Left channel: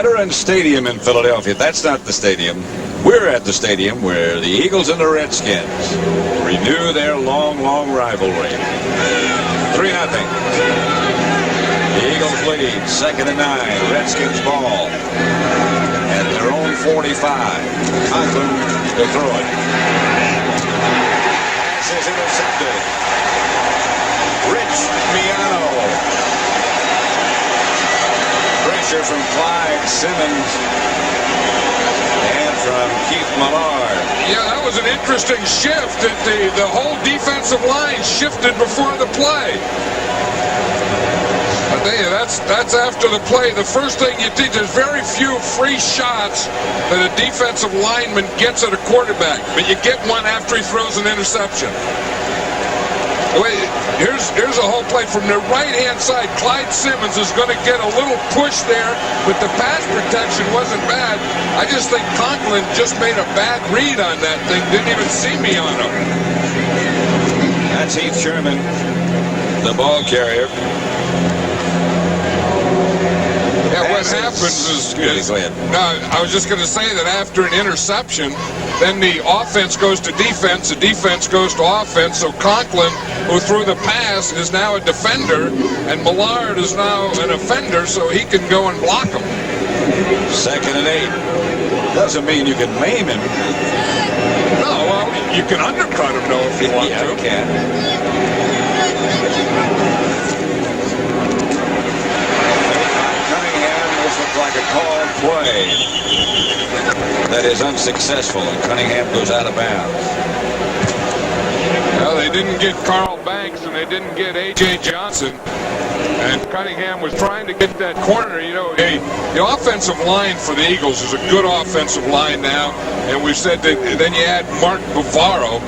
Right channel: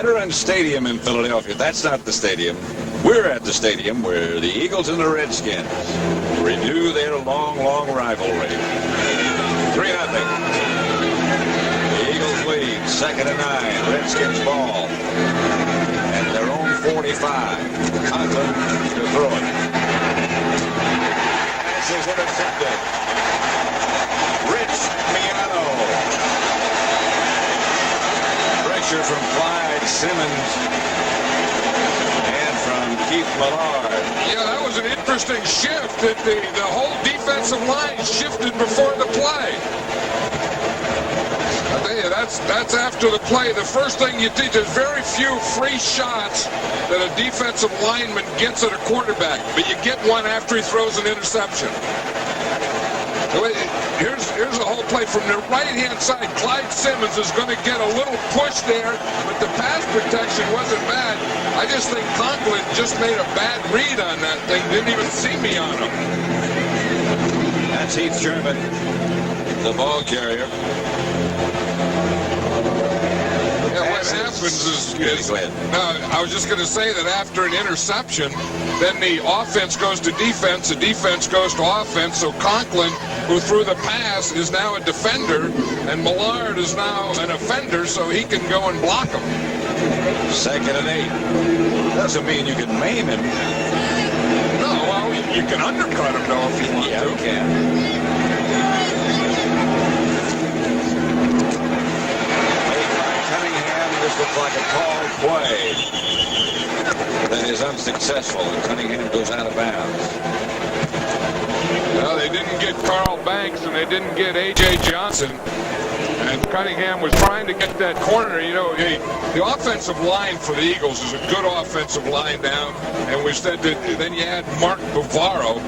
Veterans Stadium in Philadelphia. That's not the stadium. We're at the stadium where the Eagles and the Redskins renew their long, long rivalry. 3-0. The Eagles lead, 2nd and 9. Redskins ball at their own 45. Conklin to throw it. Pass is intercepted. Rich Miano. Pressure from Clyde Simmons and from Keith Millard. Yeah, that was an interesting shift. That the whole defensive line shifted before the play. I tell you, that's after the play. The first thing you teach, there's very few free shots that a defensive lineman gets at a quarterback, but you get one after he throws an interception. Here's the whole play from the right-hand side. Clyde Simmons is going to get a little push there, but the pass protection wasn't bad. I just think Conklin just made a bad read on that thing. Didn't even see me on him. That's Heath Sherman, the ball carrier. Yeah, what happens is I was just going to say that after an interception, then the offense goes to defense, the defense goes to offense. So Conklin, who threw the pass, is now a defender, and Millard is now an offender, so he can go and block him. 2nd and 8. Doesn't mean you can maim him. No, well, you can undercut him, though, if you want to. Yeah, you can. Looks like a called play that is unsuccessful, and Cunningham goes out of bounds. Well, they didn't get Carl Banks and they didn't get A.J. Johnson, and Cunningham was trying to get that corner. You know, the offensive line for the Eagles is a good offensive line now, and we've said that then you add Mark Bavaro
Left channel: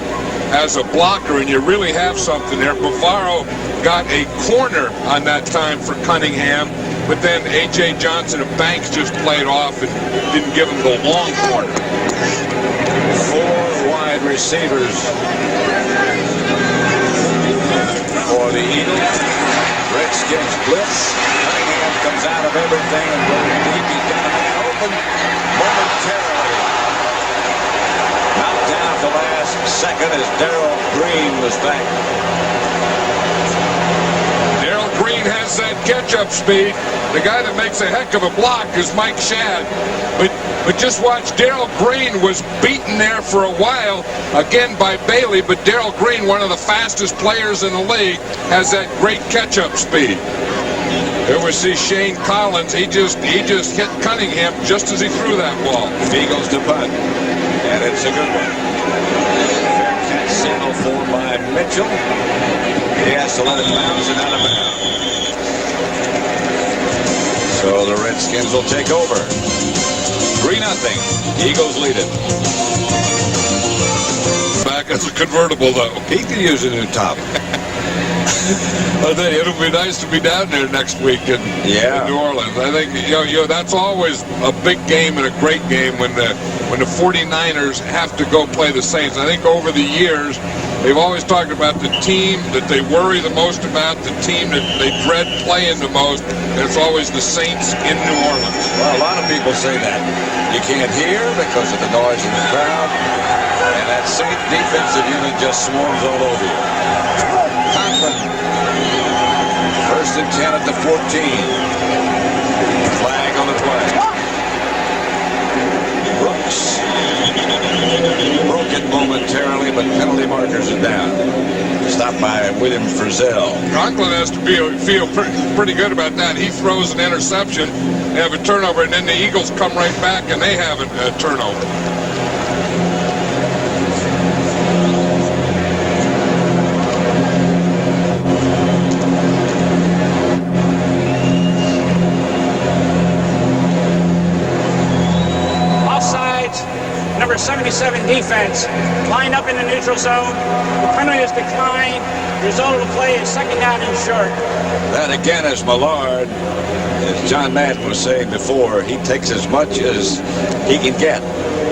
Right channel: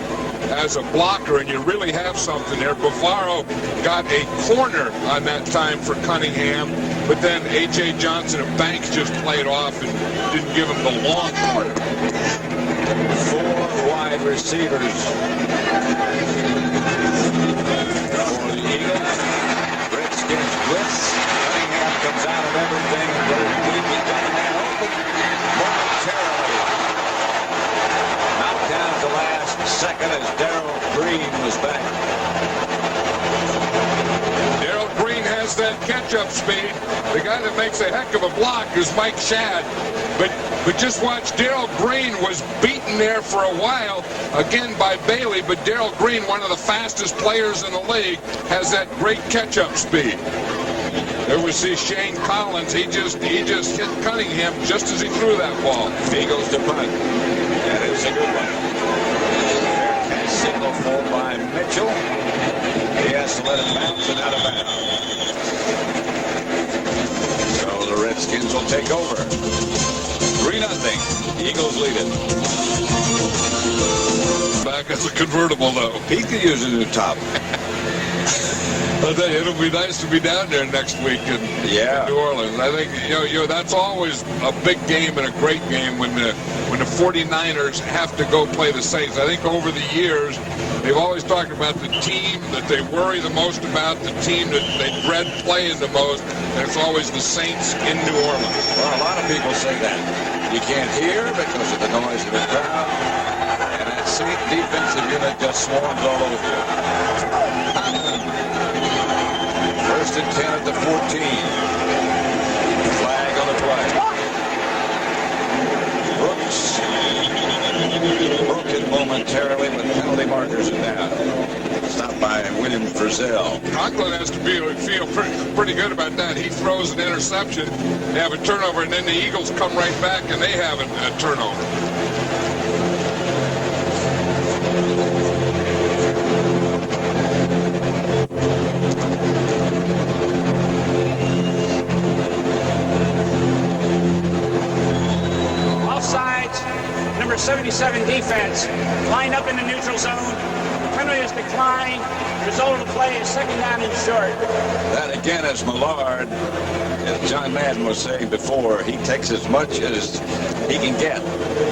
as a blocker, and you really have something there. Bavaro got a corner on that time for Cunningham, but then A.J. Johnson and Banks just played off and didn't give him the long corner. 4 wide receivers for the Eagles. Redskins blitz. Cunningham comes out of everything and goes deep. He's got a man open momentarily. Knocked down at the last second as Darrell Green was back. Darrell Green has that catch-up speed. The guy that makes a heck of a block is Mike Shadd. But just watch, Darrell Green was beaten there for a while, again by Bailey, but Darrell Green, one of the fastest players in the league, has that great catch-up speed. There we see Shane Collins. He just hit Cunningham just as he threw that ball. Eagles to punt, and it's a good one. Fair catch signal for by Mitchell. He has to let it bounce and out of bounds. So the Redskins will take over. 3-0. Eagles lead it. Back as a convertible, though. He could use a new top. I think it'll be nice to be down there next week in New Orleans. I think you know that's always a big game and a great game when the 49ers have to go play the Saints. I think over the years they've always talked about the team that they worry the most about, the team that they dread playing the most, and it's always the Saints in New Orleans. Well, a lot of people say that. You can't hear because of the noise of the crowd, and that Saint defensive unit just swarms all over you. Conklin, 1st and 10 at the 14. Flag on the play. Brooks broke it momentarily, but penalty markers are down. Stopped by William Frizzell. Conklin has to feel pretty good about that. He throws an interception, they have a turnover, and then the Eagles come right back and they have a turnover. Offsides, number 77 defense, lined up in the neutral zone. The penalty is declined. The result of the play is 2nd down and short. That again is Millard. As John Madden was saying before, he takes as much as he can get.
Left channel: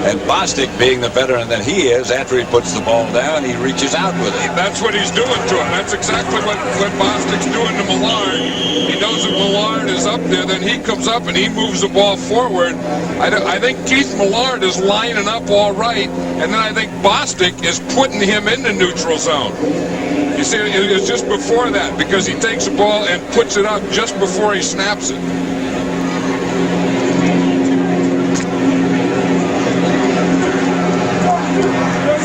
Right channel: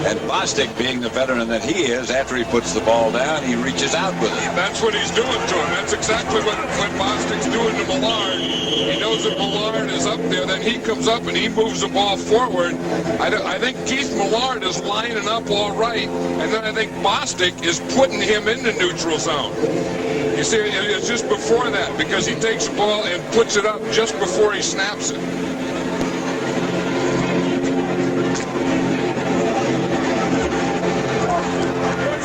And Bostic, being the veteran that he is, after he puts the ball down, he reaches out with it. That's what he's doing to him. That's exactly what Bostic's doing to Millard. He knows that Millard is up there, then he comes up and he moves the ball forward. I think Keith Millard is lining up all right, and then I think Bostic is putting him in the neutral zone. You see, it's just before that, because he takes the ball and puts it up just before he snaps it.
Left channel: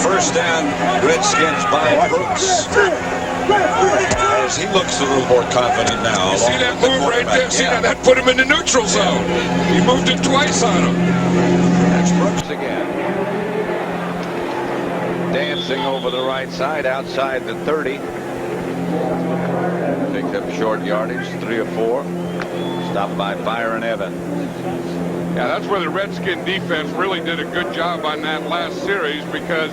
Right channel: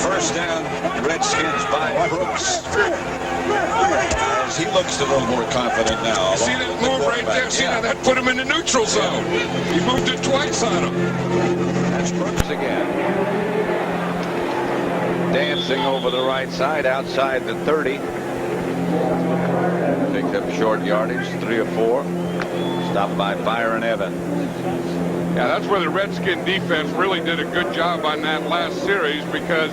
First down, Redskins by Brooks. As he looks a little more confident now. You see that move right there? See that? That put him in the neutral zone. He moved it twice on him. That's Brooks again. Dancing over the right side outside the 30. Picked up short yardage, 3 or 4. Stopped by Byron Evans. Yeah, that's where the Redskin defense really did a good job on that last series, because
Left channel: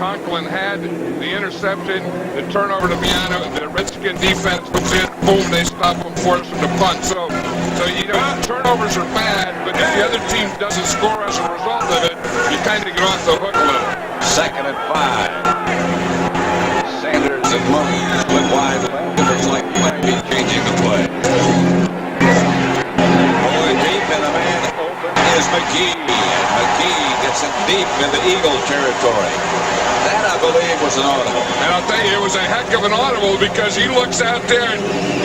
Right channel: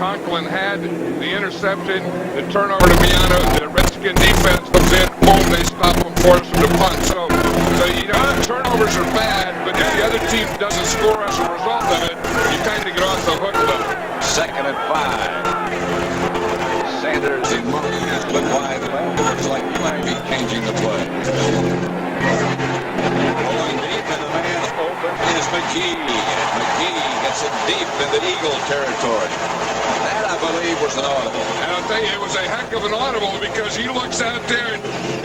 Conklin had the interception, the turnover to Miano. The Redskin defense comes in, boom, they stop them, force them to punt. So you know, turnovers are bad, but if the other team doesn't score as a result of it, you kind of get off the hook a little. 2nd and 5. Sanders and Monk split wide left. It looks like he might be changing the play. Going deep, and the man open is McGee. And McGee gets it deep into Eagle territory. That, I believe, was an audible. And I'll tell you, it was a heck of an audible, because he looks out there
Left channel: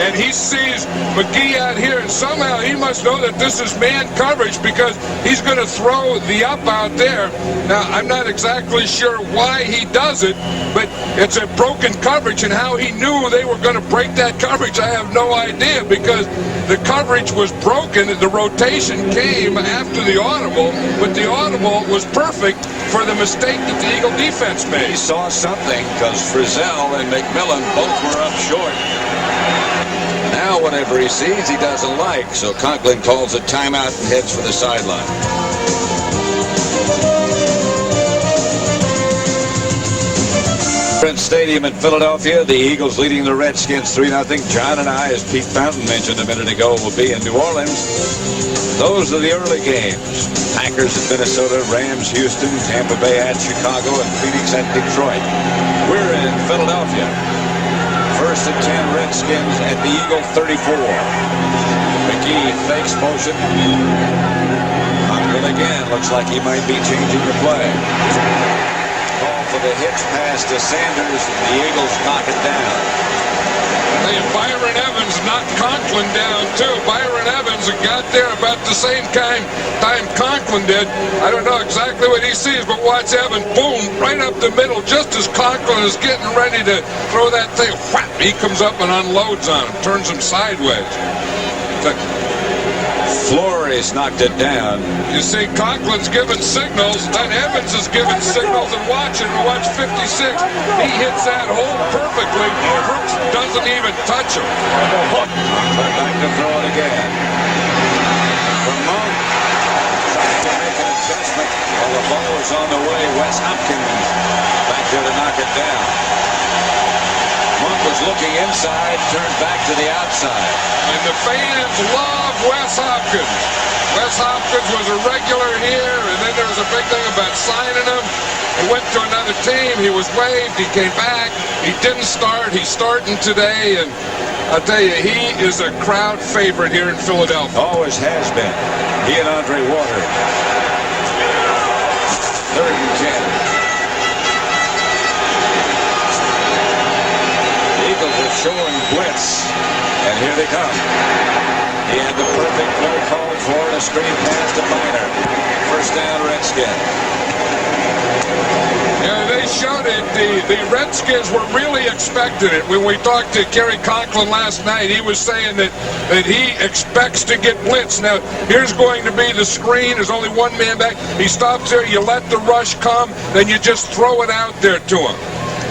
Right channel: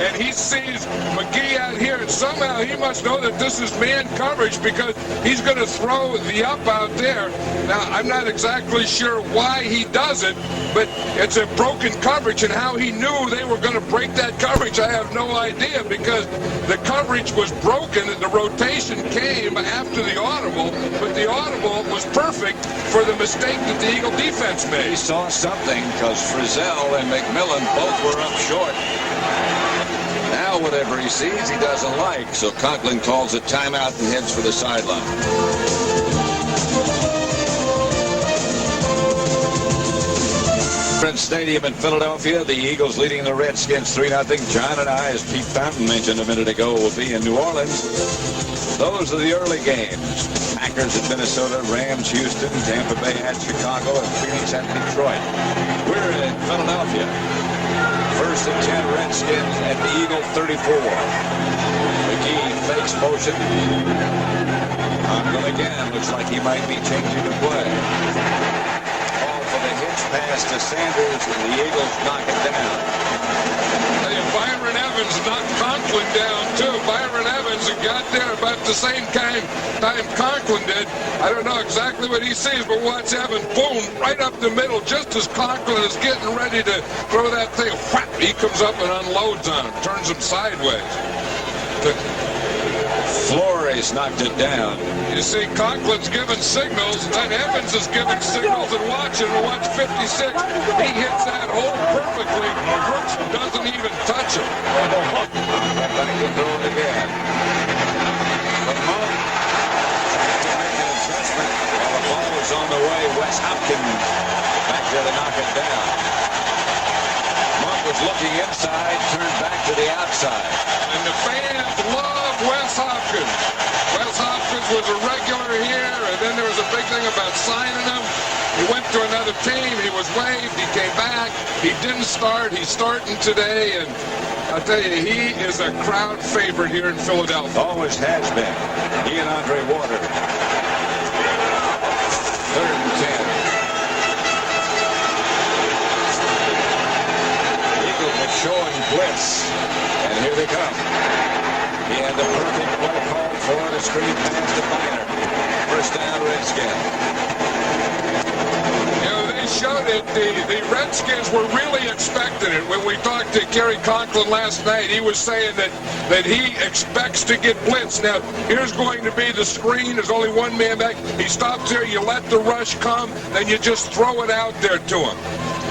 and he sees McGee out here, and somehow he must know that this is man coverage, because he's going to throw the up out there. Now, I'm not exactly sure why he does it, but it's a broken coverage, and how he knew they were going to break that coverage, I have no idea, because the coverage was broken and the rotation came after the audible, but the audible was perfect for the mistake that the Eagle defense made. He saw something, because Frizzell and McMillan both were up short. Now whatever he sees, he doesn't like, so Conklin calls a timeout and heads for the sideline. Stadium in Philadelphia, the Eagles leading the Redskins 3-0. John and I, as Pete Fountain mentioned a minute ago, will be in New Orleans. Those are the early games. Packers at Minnesota, Rams, Houston, Tampa Bay at Chicago, and Phoenix at Detroit. We're in Philadelphia. 1st and 10 Redskins at the Eagle 34. McGee fakes motion. Conklin again, looks like he might be changing the play. For the hitch pass to Sanders, the Eagles knock it down. Hey, Byron Evans knocked Conklin down too. Byron Evans got there about the same time Conklin did. I don't know exactly what he sees, but watch Evans, boom, right up the middle, just as Conklin is getting ready to throw that thing. Whap, he comes up and unloads on him, turns him sideways. Flores knocked it down. You see, Conklin's giving signals, then Evans is giving signals, and watch 56. He hits that hole perfectly. Brooks doesn't even touch him. Back to throw it again. From Monk, trying to make an adjustment while the ball was on the way. Wes Hopkins back there to knock it down. Monk was looking inside, turned back to the outside. And the fans love Wes Hopkins. Wes Hopkins was a regular here, and then there was a big thing about signing him. He went to another team. He was waived. He came back. He didn't start. He's starting today, and I'll tell you, he is a crowd favorite here in Philadelphia. Always has been. He and Andre Waters. 3rd and 10. Eagles are showing blitz, and here they come. He had the perfect play called for, and a screen pass to Miner. 1st down, Redskins. You know, they showed it. The Redskins were really expecting it. When we talked to Kerry Conklin last night, he was saying that he expects to get blitzed. Now, here's going to be the screen. There's only one man back. He stops there. You let the rush come. Then you just throw it out there to him.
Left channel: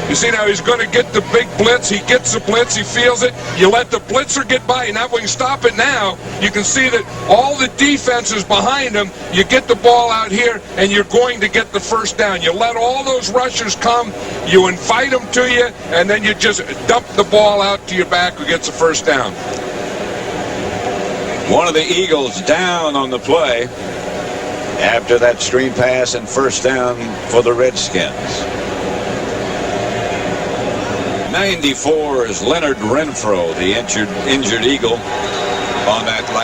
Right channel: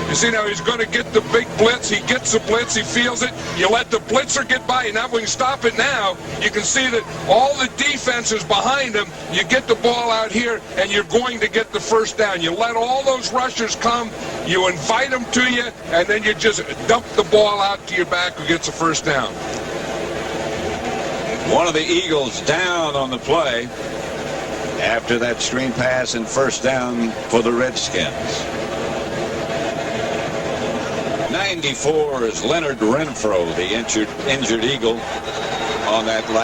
You see, now he's going to get the big blitz. He gets the blitz. He feels it. You let the blitzer get by. Now, if we can stop it now, you can see that all the defense is behind him. You get the ball out here, and you're going to get the 1st down. You let all those rushers come. You invite them to you, and then you just dump the ball out to your back who gets the 1st down. One of the Eagles down on the play after that screen pass and 1st down for the Redskins. 94 is Leonard Renfro, the injured Eagle on that last.